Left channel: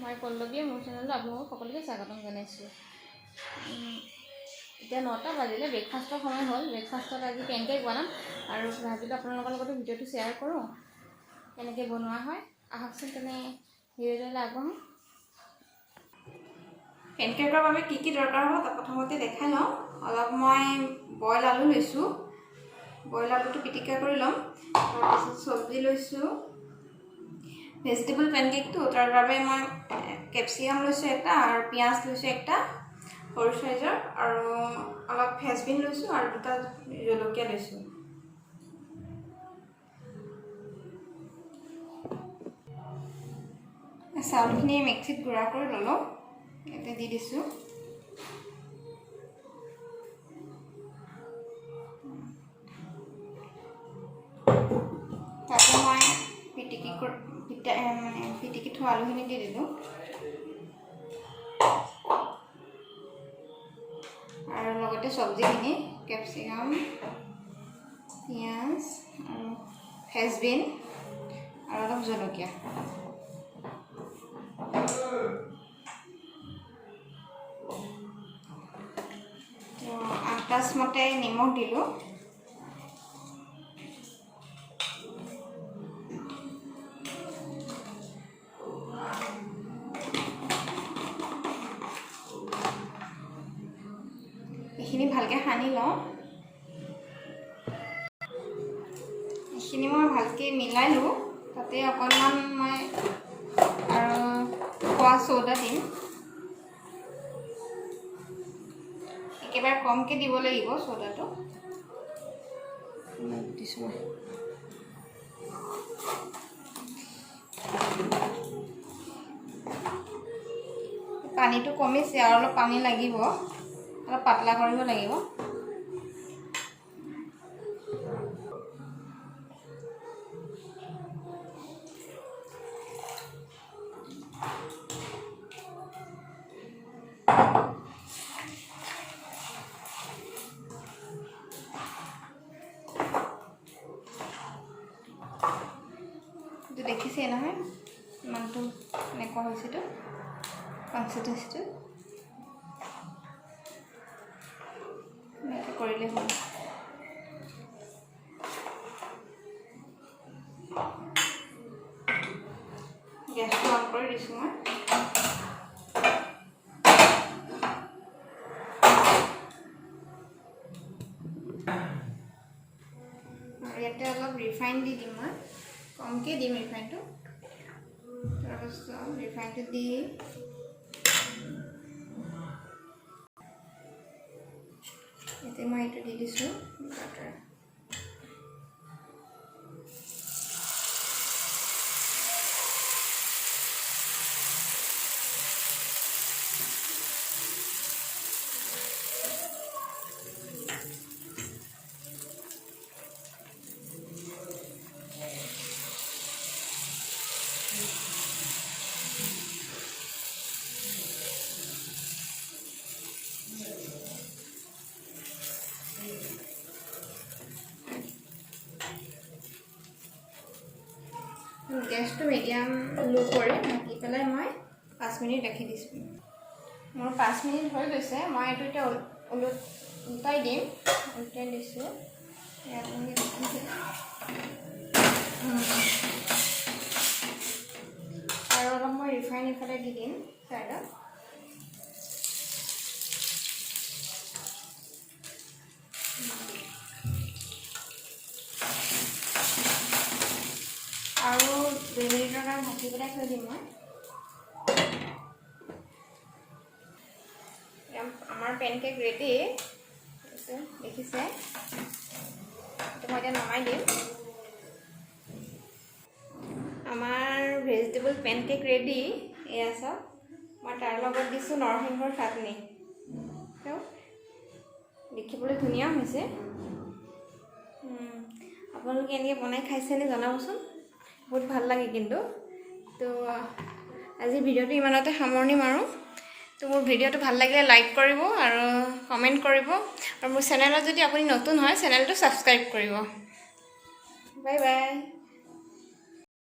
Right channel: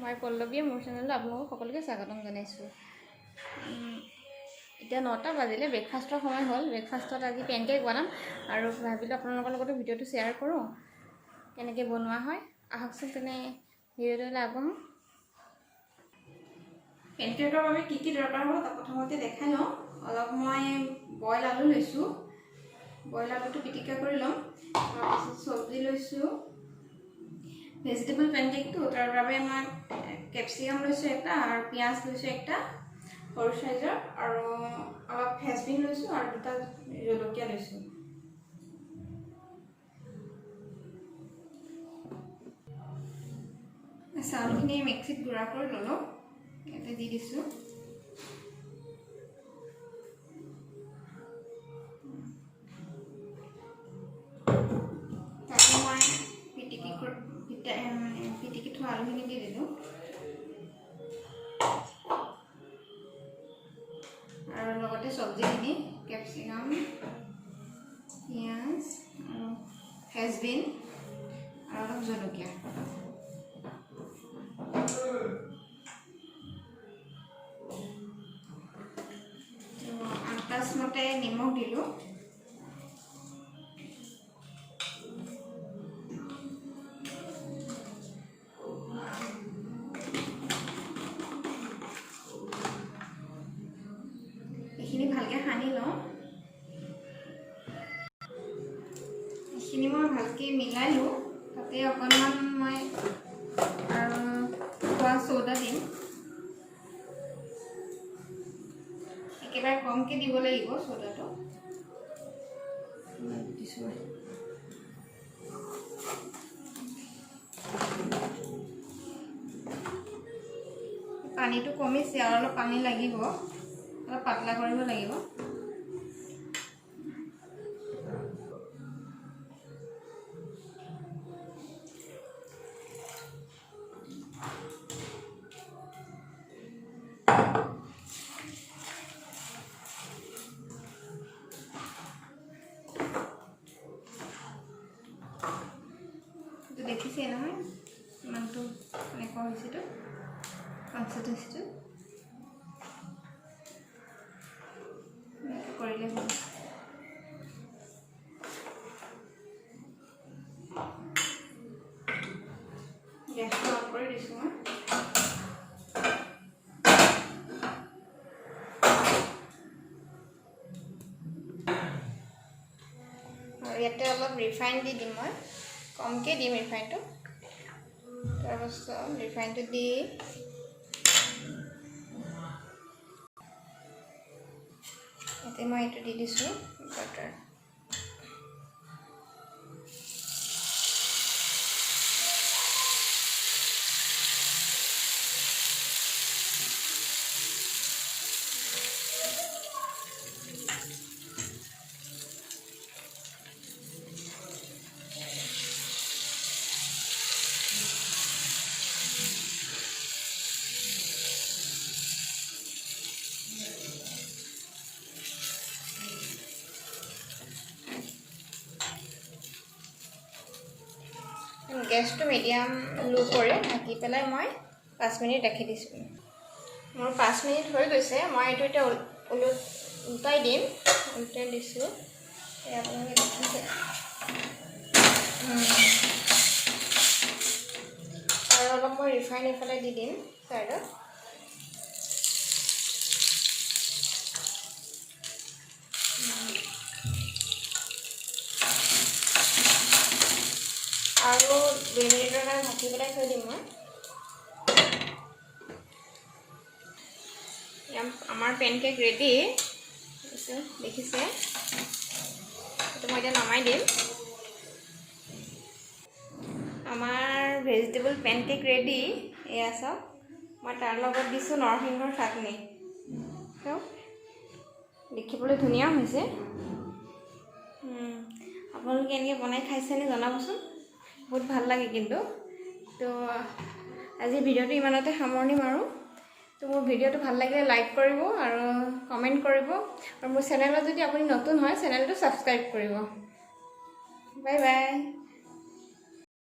মই পল্লৱীয়ে মোৰ চেনেলত আপোনালোকক সকলোকে স্বাগতম জনাইছোঁ। এতিয়া 9টা বাজিলে, ব্ৰেকফাষ্টৰ সময় হ'ল। ব্ৰেকফাষ্টত আজি পেনকেক বনাম আৰু ভাবিলোঁ আপোনালোকৰ লগতে ভিডিঅ'টো শ্বেয়াৰ কৰোঁ কেনেকৈ বনোৱা হয়। আহকচোন তেনে ভিডিঅ'টোলৈ আগবঢ়োঁ। পেনকেকৰ বাবে কি কি দৰকাৰ হ'ব তাক প্ৰথমতে দেখাই লওঁ। অলপ মই বইল আলু লৈছোঁ, বইল আলুটো পিটিকা কৰি ল'ম। তাৰপিছত চব্জি লৈছোঁ, ভেজিটেবল পেনকেকটো তাৰ বাবে মই কেপচিকাম লৈছোঁ এটা আৰু পিঁয়াজ লৈছোঁ একটা সৰু চাইজৰ, আৰু অলপ ফ্ৰেঞ্চবিন লৈছোঁ আৰু 2টা জলকীয়া লৈছোঁ। চাউলখিনি মিক্সিত গুড়া কৰি ল'লোঁ, ইয়াতে দি দিছোঁ। তাতে মই পিটিকি থোৱা আলুখিনি দি দিলোঁ আৰু লগতে চব্জিখিনি কেপচিকাম, পিঁয়াজ আৰু ফ্ৰেঞ্চবিন আৰু অলপ জলকীয়া। আন্দাজমতে নিমখ দিলোঁ। এইখিনি ভালকৈ সানি লওঁ। এইখিনি মই ভালকৈ মিলালোঁ। তাতে অকণমান মই আৰু খোৱা চ'ডা দিম। একেবাৰে কমকৈ দিব লাগিব চ'ডাটো। দিছোঁ মই। পানীটো কমিছে আৰু অলপ পানী লাগিব, অলপ পাতলা কৰিব লাগিব। দেখিছে নহয় ইমানটো এনেকুৱা হৈছেতো কনচিষ্টেঞ্চিটো এনেকৈ কৰিলে হ'ল। গেছটো অন কৰি দিছোঁ মই। আৰু ইয়াতে অলপ ৰিফাইন দি দিম মই, কমকৈ দিম ৰিফাইনটো। তাৰপাছত ৰিফাইনটো দি ইয়াতে মই এইটো দি দিছোঁ বাটাৰ। গেছটো মিডিয়াম লো কৰি ঢাকি পেলাই মই 5 মিনিট ৰাখি দিছোঁ। মোৰ 5 মিনিট হৈ গৈছে। মই এইটো এতিয়া উল্টাই দিম। উল্টাই দিছোঁ। আপুনি আৰু অলপ মই ৰিফাইন এইফালে দি দিম চাইডত। আৰু 2 মিনিটৰ কাৰণে ঢাকি পেলাই থৈ দিম মই। আমাৰ পেনকেক ৰেডি, দেখিছে। তো মই এতিয়া নমাই দিম। আমাৰ ভেজিটেবল পেনকেক ৰেডি। এয়া চাওক, মই তাৰ লগত দিছোঁ নৰসিংহৰ চাটনি। দেখিবলৈ ধুনীয়া হৈছে। আপোনালোকে এনেকৈ বনাই খাইছেনে জনাবচোন, বহুত ভাল লাগে কিন্তু। তো আজি ভিডিঅ'টো ইমানতে সামৰণি মাৰোঁ। তো মোৰ ভিডিঅ'টো ভাল লাগিলে লাইক কৰিব আৰু কমেণ্ট কৰিব, আৰু মোৰ চেনেলত যদি আপুনি নতুন হয় চেনেলটো ছাবস্ক্ৰাইব কৰিব। Bye bye.